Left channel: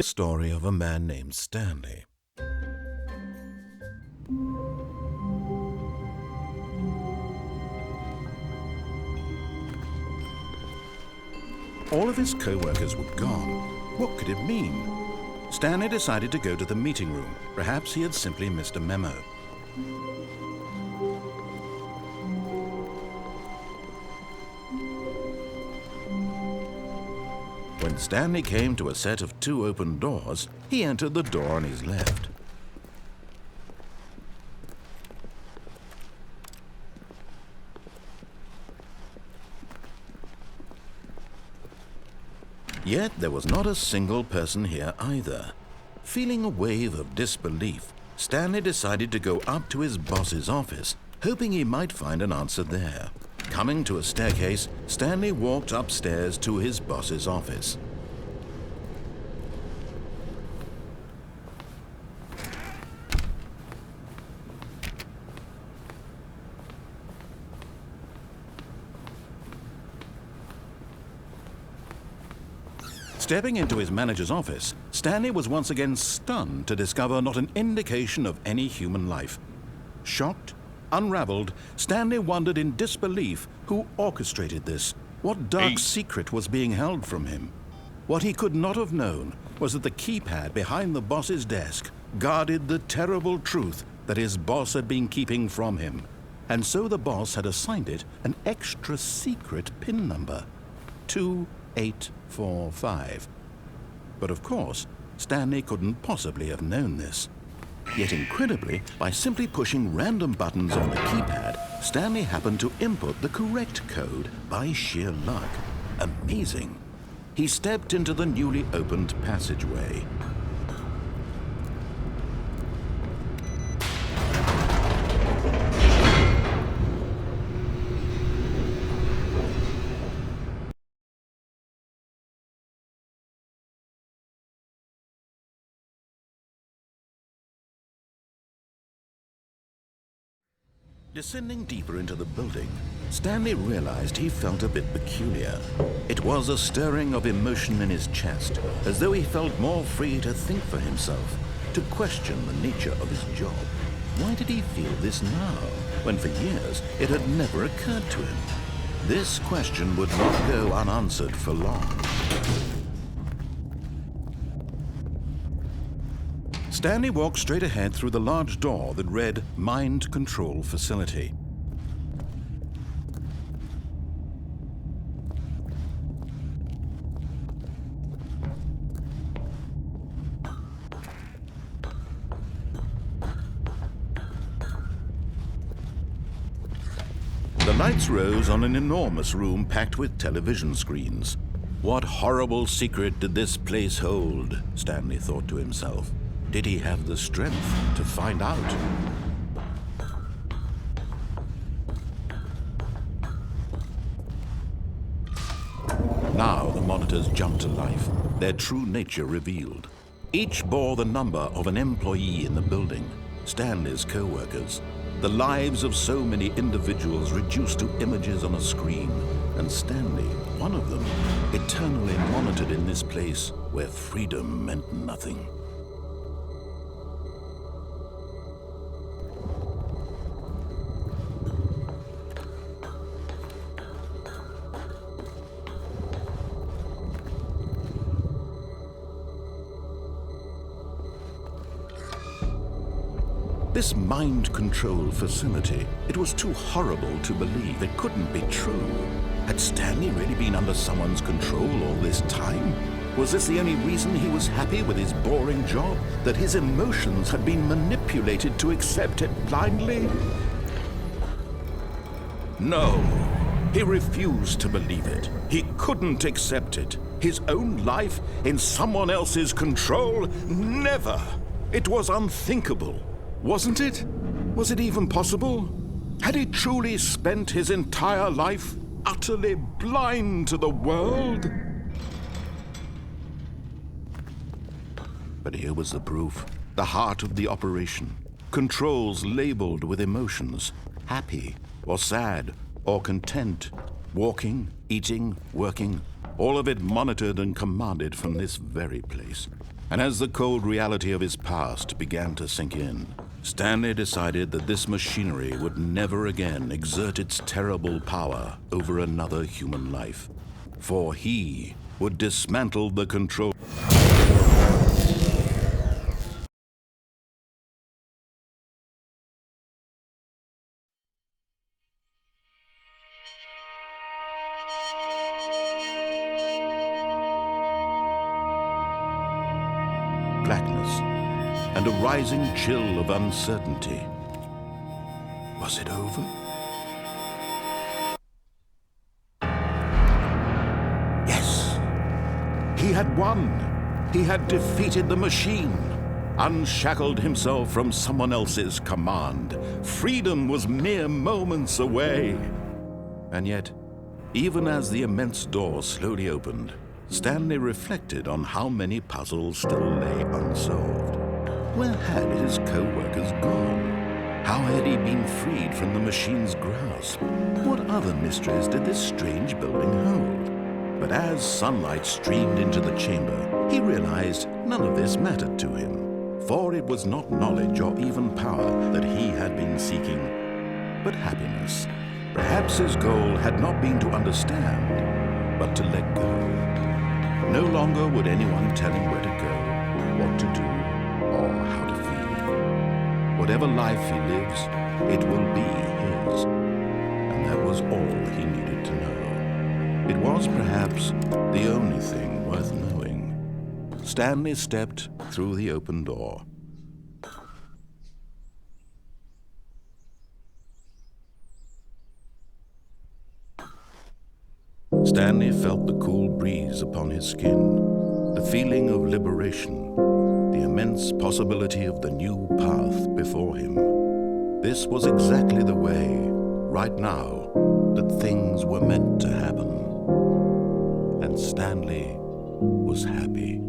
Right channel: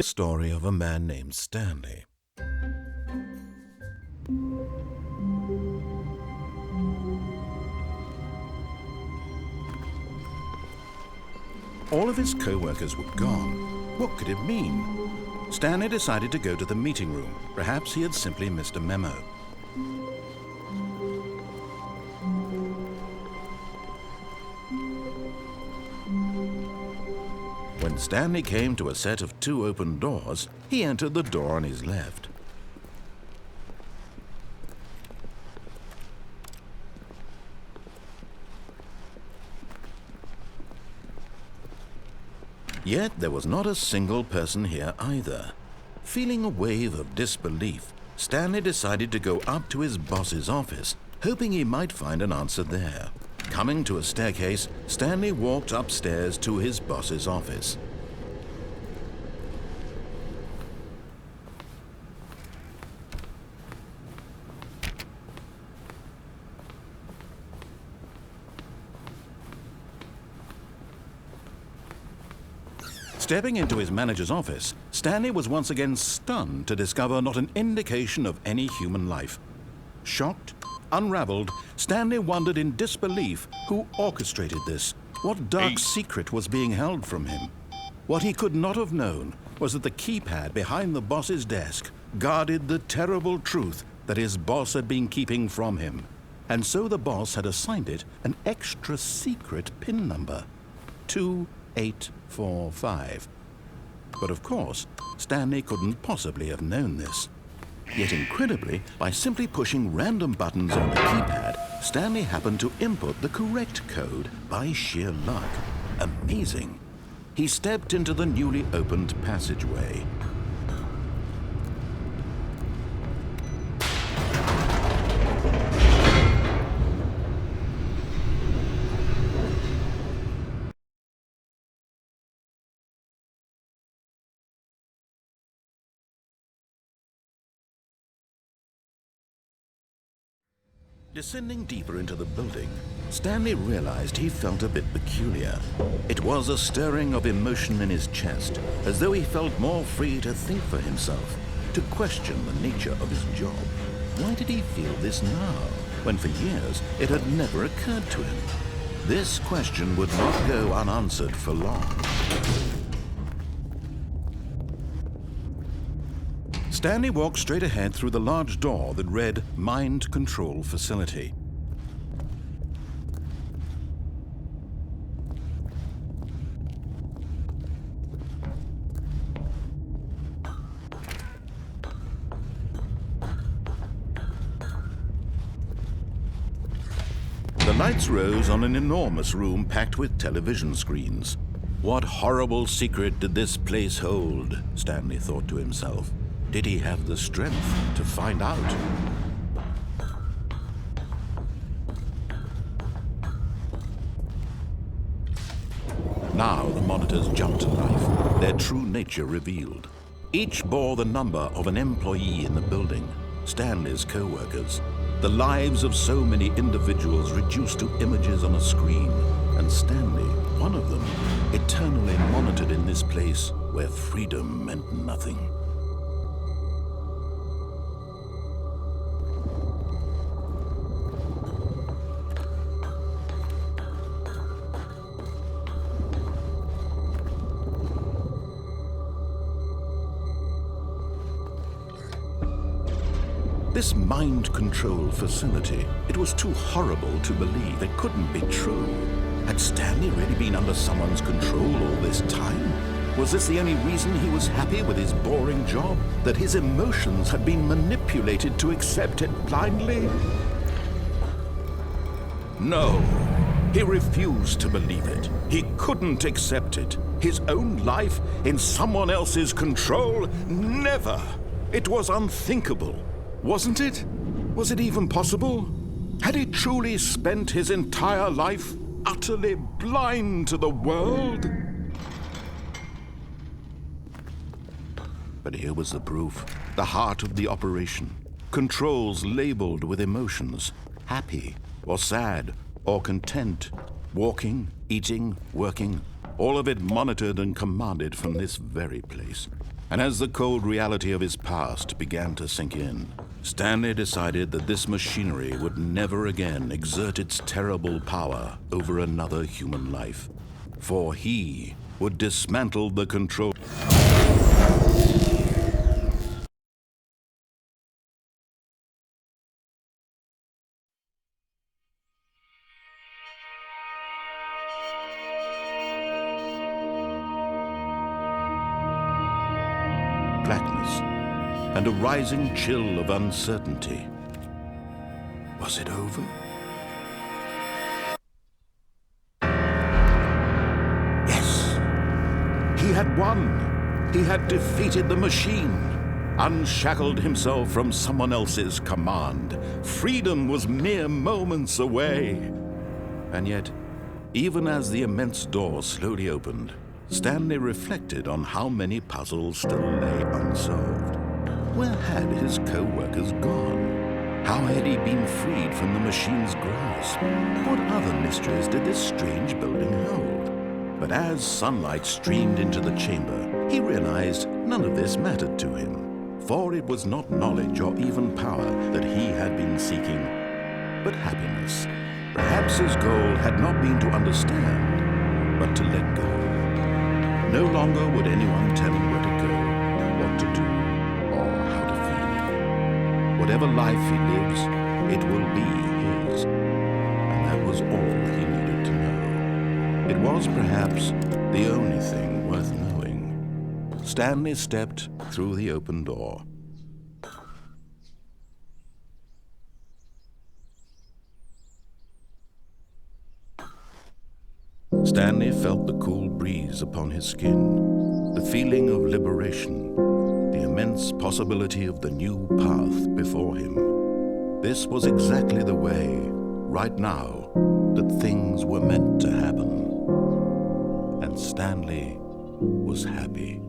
The story of a man named Stanley. All of his co-workers were gone. What could it mean? Stanley decided to go to the meeting room. Perhaps he had simply missed a memo. When Stanley came to a set of 2 open doors, he entered the door on his left. Yet there was not a single person here either. Feeling a wave of disbelief, Stanley decided to go up to his boss's office, hoping he might find an answer there. Coming to a staircase, Stanley walked upstairs to his boss's office. Stepping into his manager's office, Stanley was once again stunned to discover not an indication of any human life. Shocked, unraveled, Stanley wondered in disbelief who orchestrated this. What dark secret was being held from him? What he could not have known was that the keypad behind the boss's desk guarded the terrible truth that his boss had been keeping from him. And so the boss had assigned it an extra secret PIN number, 2845. But of course, Stanley couldn't possibly have known this. Yet incredibly, by simply pushing random buttons on the keypad, Stanley happened to input the correct code by sheer luck. Amazing. He stepped into the newly opened passageway. Descending deeper into the building, Stanley realized he felt a bit peculiar. It was a stirring of emotion in his chest, as though he felt more free to think for himself, to question the nature of his job. Why did he feel this now, when for years it had never occurred to him? This question would not go unanswered for long. Stanley walked straight ahead through the large door that read Mind Control Facility. The lights rose on an enormous room packed with television screens. What horrible secret did this place hold? Stanley thought to himself. Did he have the strength to find out? Now the monitors jumped to life, their true nature revealed. Each bore the number of an employee in the building, Stanley's co-workers. The lives of so many individuals reduced to images on a screen, and Stanley, one of them, eternally monitored in this place where freedom meant nothing. This mind control facility, it was too horrible to believe. It couldn't be true. Had Stanley really been under someone's control all this time? Was this the only reason he was happy with his boring job? That his emotions had been manipulated to accept it blindly? No, he refused to believe it. He couldn't accept it. His own life in someone else's control? Never! It was unthinkable. Wasn't it? Was it even possible? Had he truly spent his entire life utterly blind to the world? But here was the proof, the heart of the operation. Controls labeled with emotions, happy or sad or content, walking, eating, working, all of it monitored and commanded from this very place. And as the cold reality of his past began to sink in, Stanley decided that this machinery would never again exert its terrible power over another human life, for he would dismantle the control. Blackness and a rising chill of uncertainty. Was it over? Yes! He had won! He had defeated the machine, unshackled himself from someone else's command. Freedom was mere moments away. And yet, even as the immense door slowly opened, Stanley reflected on how many puzzles still lay unsolved. Where had his co-workers gone? How had he been freed from the machine's grasp? What other mysteries did this strange building hold? But as sunlight streamed into the chamber, he realized none of this mattered to him, for it was not knowledge or even power that he had been seeking, but happiness. Perhaps his goal had not been to understand, but to let go. No longer would anyone tell him where to go, what to do, or how to feel. Whatever life he lives, it will be his. And that was all he needed to know. It was perhaps the only thing worth knowing. Stanley stepped through the open door. Stanley felt the cool breeze upon his skin, the feeling of liberation, the immense possibility of the new path before him. This was exactly the way, right now, that things were meant to happen. And Stanley was happy.